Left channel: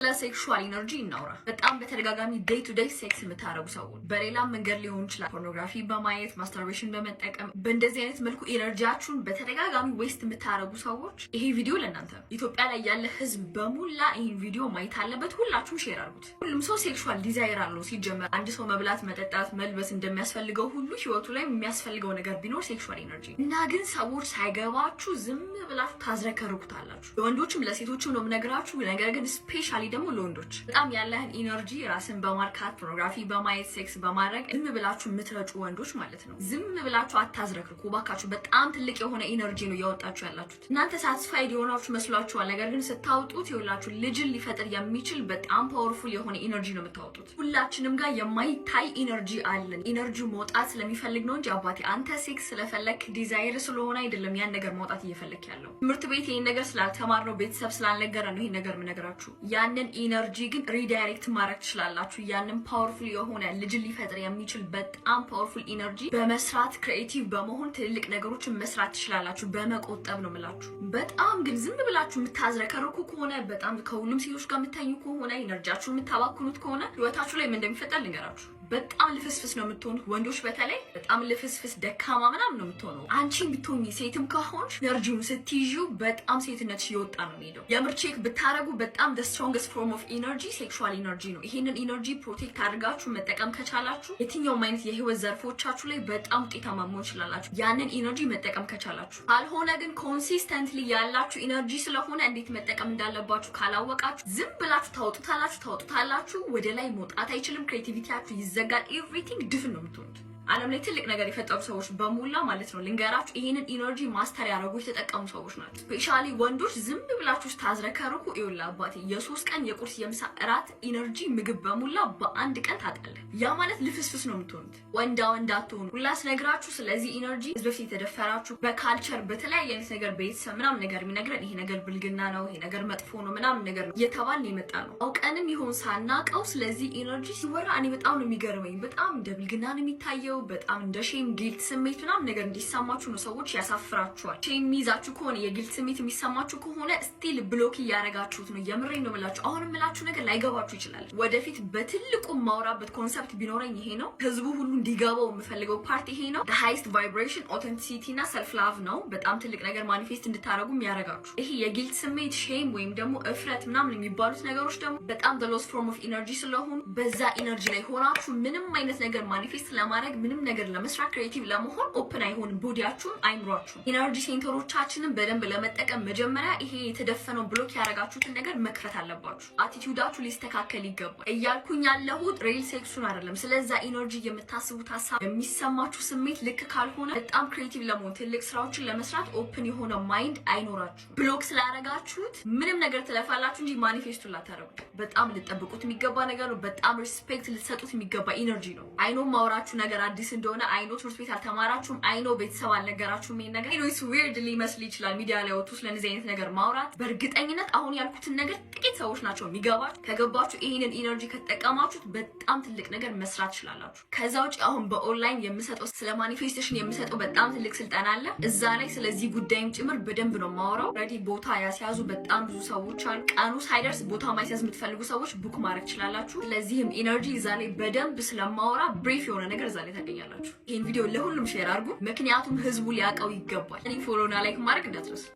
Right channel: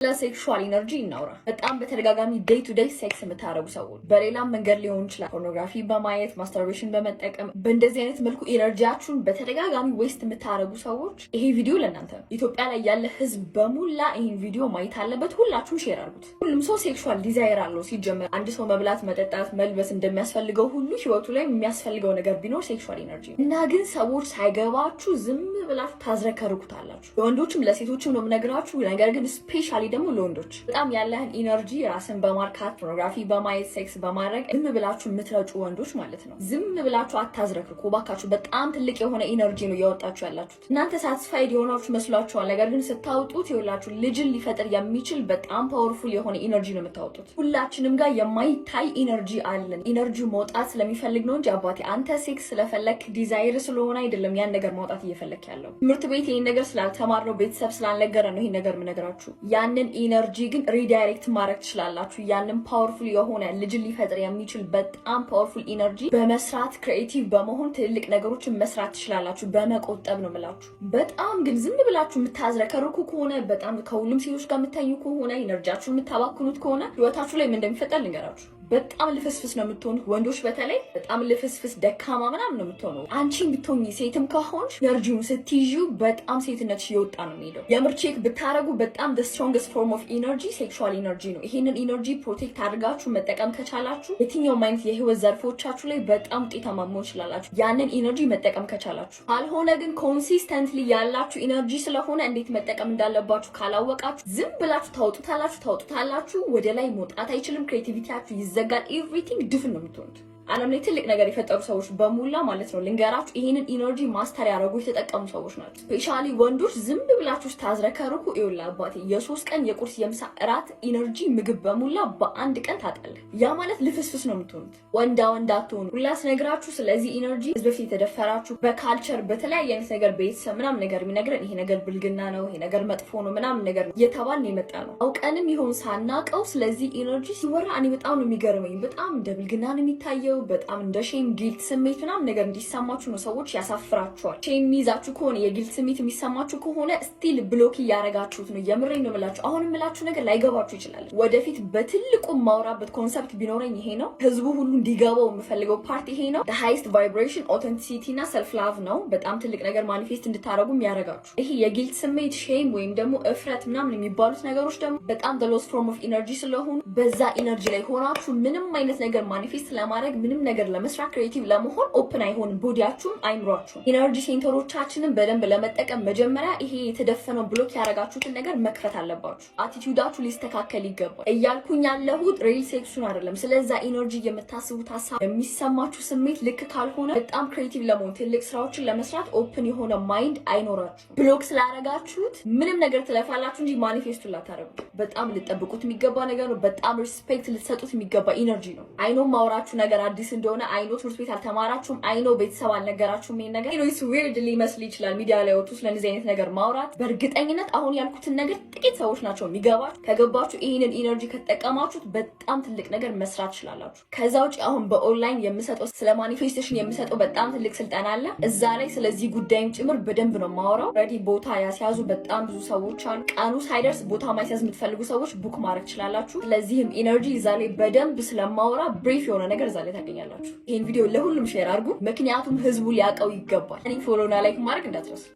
ለሴክሹዋል ኢነርጂ እናውራ። በጣም በተደጋጋሚ ዴይ ቱ ዴይ ሴክስ የምታረጉ ሰዎች በሌላም መንገድ ሊሆን ይችላል፣ ፖርኖግራፊ በማየት ማስተርቤሽን በመጠቀም በእንደዚህ አይነት መልኩ ኢነርጂያችሁን በተደጋጋሚ ዌስት የምታረጉ ሰዎች ይሄ ቪዲዮ ለእናንተ ነው። ኢትዮጵያ ላይ ያለ ህዝብ በሙላ ይህን ቪዲዮ ማየት አለበት። ሁላችሁም ሼር አድርጉት። ሁሉም ሰው ሴክሹዋል ዲዛይር አለው። ሲጀመር አንድ ሰው መብላት፣ መጠጣት፣ መልበስ እንደሚያስፈልገው ሁሉ ህይወቱ ላይ የሚያስፈልገው ነገር ቢኖር ሴክሹዋል ኢነርጂ እና ግን ሰዎች ሳይገባችሁ ዝም ብላችሁ ታዝረከርኩታላችሁ። ለወንዶችም ለሴቶችም ነው የምነግራችሁ። ነገር ግን ስፔሻሊ ደግሞ ለወንዶች በጣም ያለህን ኢነርጂ ራስን በማርካት ፖርኖግራፊ በማየት ሴክስ በማድረግ ዝም ብላችሁ የምትረጩ ወንዶች ማለት ነው። ዝም ብላችሁ አታዝረክርኩ ባካችሁ። በጣም ትልቅ የሆነ ኢነርጂ ነው እያወጣችሁ ያላችሁት። እናንተ ሳቲስፋይድ የሆናችሁ መስሏችኋል። ነገር ግን ስታወጡት ይኸውላችሁ ልጅን ሊፈጥር የሚችል በጣም ፓወርፉል የሆነ ኢነርጂ ነው የምታወጡት። ሁላችንም ጋር የማይታይ ኢነርጂ አለን። ኢነርጂው መውጣት ስለሚፈልግ ነው እንጂ አባቴ አንተ ሴክስ ስለፈለክ ዲዛይር ስለሆነ አይደለም ያን ነገር ማውጣት እየፈለክ ያለው። ትምህርት ቤት ይሄን ነገር ስላልተማርነው ቤተሰብ ስላልነገረ ነው ይሄን ነገር የምነግራችሁ። ያንን ኢነርጂ ግን ሪዳይሬክት ማድረግ ትችላላችሁ። ያንን ፓወርፉል የሆነ ልጅን ሊፈጥር የሚችል በጣም ፓወርፉል ኢነርጂ በመስራት ክሪኤቲቭ በመሆን ትልልቅ ነገሮችን መስራት ትችላላችሁ። በመቆጠብ ነው የምላችሁ። በጣም ግን ዝም ብላችሁ የምታዝረከርኩ ከሆነ በጣም ከሁሉም ሴቶች ጋር የምታኙ ከሆነ ኢነርጂያችሁን የምታባክኑት ከሆነ ህይወታችሁ ላይ ምን እንደሚፈጠር ልንገራችሁ። በጣም ልፍስፍስ ነው የምትሆኑት። ወንዶች በተለይ በጣም ልፍስፍስ ደካማ ምናምን ነው የምትሆነው። አንቺን ብትሆኚ ሴትም ከሆንሽ ኢነርጂውን ስትይዢው በጣም ሴትነትሽ እየወጣ ነው የሚሄደው። የምር ቼክ ብታረጉ በጣም the strongest form of energy ሴክሹዋል ኢነርጂ ነው። ይሄንን ኢነርጂ ፕሮቴክት አድርጋችሁ መጠቀም ከቻላችሁ የትኛውም አይነት የህይወት ዘርፎቻችሁ ላይ በጣም ውጤታማ መሆን ትችላላችሁ። ያንን ኢነርጂ መጠቀም ከቻላችሁ። ካልሆነ ግን ኮንሲስተንትሊ ያላችሁ ኢነርጂ ስለሆነ እንዴት መጠቀም እንዳለባችሁ ካላወቃችሁ ዝም ብላችሁ ታውጡታላችሁ። ወደ ላይ መውጣት አይችልም። ክሬቲቪቲያችሁ ዘጋን። ኤቭሪቲንግ ድፍን ነው የምትሆኑት። ዓለም ላይ ትልቅ ነገር የፈጠሩ ሰዎች በሙላ ማለት ነው ልንገራችሁ፣ ይሄንን ኢነርጂ ማስተር ያደረጉ የተጠቀሙ ሰዎች ናቸው። ስፔሻሊ ወንዶች ዝም ብላችሁ ታዝረከርኩ ይውላ አባቴ የ3 ቀን የቁርስ የምሳ እራት ኢነርጂ ምግብ በሙላ በአንድ ቀን ታጣለ። ያ ማለት ልፍስፍስ ነው የምትሆኑት። ወንዳ አትሆኑ። ሁላስ ነግራችሁ ስለዚህ ኢነርጂ ህዝብ በፊት የተደፈራችሁ በካልቸር በተለያየ አይነት ነገር ቤተሰብ ምናምን ነገር የሚነግረን ይሄ ነገር ብልግና ነው፣ ይሄ ነገር መጥፎ ነው ምናምን ነገር ነው እየተባልን የመጣ ነው። አውቀንም ይሆን ሳናቀው ስለዚህ ኢነርጂ ሲወራ እኔ በጣም ነው የሚገርመኝ። በጣም እንደ ብልግና ነው የሚታየው። በጣም እንደ ሼም ጊልት ስሜት ምናምን ነገር እንዲሰማችሁ ነው። ሰዎች ያሳፍራችኋል። ሼም የሚይዛችሁ ከሆነ የጊልት ስሜት የሚሰማችሁ ከሆነ ስቲል ብሎክ እያረጋችሁት ነው። የምሬን ነው የምላችሁ። አሁን የምላችሁ ነገር ላይገባችሁ ይችላል። ወደፊት በትልቁ ማውራበት ኮንሰፕት ቢኖረኝ ይሄ ነው። ህዝቡ ሁሉ እንዲገባው የምፈልገው ፓርት ይሄ ነው። the highest vibration authenticity እና self love ነው። በጣም ትልቅ ነገር ማኒፌስት እንድታረጉ የሚያረጋችሁ ይሄ የጊልት ስሜት ሼም ወይም ደግሞ እፍረት ምናምን የሚባሉት ነገሮች ደግሞ በጣም the lowest form of energy ስለሆኑ በዛ ኢነርጂ ላይ ሆናችሁ ምንም አይነት ነገር ማኒፌስት ለማድረግ ምንም ነገር ለመስራት ክሬቲቭ ለመሆን ኦፕን አይሆንም። ቦዲያችሁም አይምሯችሁም። ኢነርጂ ሴንተሮቻችንን በደንብ ለመጠቀም መጀመሪያ ይሄ የተደፈነው ብሎክ ያረጋችሁትን ነገር መክፈት አለባችሁ። አቲቲዩዳችሁ ሊስተካከል ይገባል። እያልኩኝ ያለሁት ሪል ሴክሱን አይደለም። ስለዛ ኢነርጂ የምታስቡት ሀሳብ የሚሰማችሁ ስሜት ልክ ካልሆነ በጣም ክሬቲቭ ለመሆን ትልቅ ስራዎችን ለመስራት ኦፕን የሆነ ማይንድ አይኖራችሁ። ብሎክ ስላረጋችሁት ምንም ነገር ትለፋላችሁ እንጂ ማኒፌስቱን ላታረጉት። በጣም ልጠብቁት የሚገባ ነገር ነው። በጣም ሪስፔክት ልትሰጡት የሚገባ ኢነርጂ ነው። አይኖ ማውራችሁ ነገር አዲስ እንደሆነ አይኖ ትምህርት ቤት አልተማራችሁም፣ አይኖ ቤተሰብ አልነገራችሁም። ይሄን ነገር ኢትስ ዊርድ ሊመስል ይችላል ሚዲያ ላይ ወጥቶ ስለዚህ አይነት ነገር ማውራት። በእርግጠኝነት አሁን ያልኩትን ነገር ጥቂት ሰዎች ናቸው የሚገባችሁ። ከገባችሁ ይሄንን ኢነርጂ ከተጠቀማችሁት በጣም ትልቅ ነገር መስራት ትችላላችሁ። ከዛ ውጪ አሁን በኦንላይን የምሰጠው ስለ ማኒፌስቴሽን የምሰጠው በጣም ትልቅ ስልጠና አለ። እዛ ላይ ስለዚህ ጉዳይም ጭምር በደንብ ነው ማወራው። ሬዲ ቦታ ያስያዙ በጣም ብዙ ሰዎች አሉ። ቀኑ ሳይደርስ ቦታ ማስያዝ የምትፈልጉ ሰዎች ቡክ ማድረግ ትችላላችሁ። ስለዚህም ኢነርጂ እዛ ላይ በደንብ ስለማወራ ብሪፍ የሆነ ነገር እዛ ላይ ታገኛላችሁ። ይሄን ቪዲዮ ለሁሉም ሼር አድርጉ፣ ምክንያቱም ህዝቡ ሊያውቀው ይገባል። እኔ ፎሎና ላይክ ማድረግ እንዳትረሱ።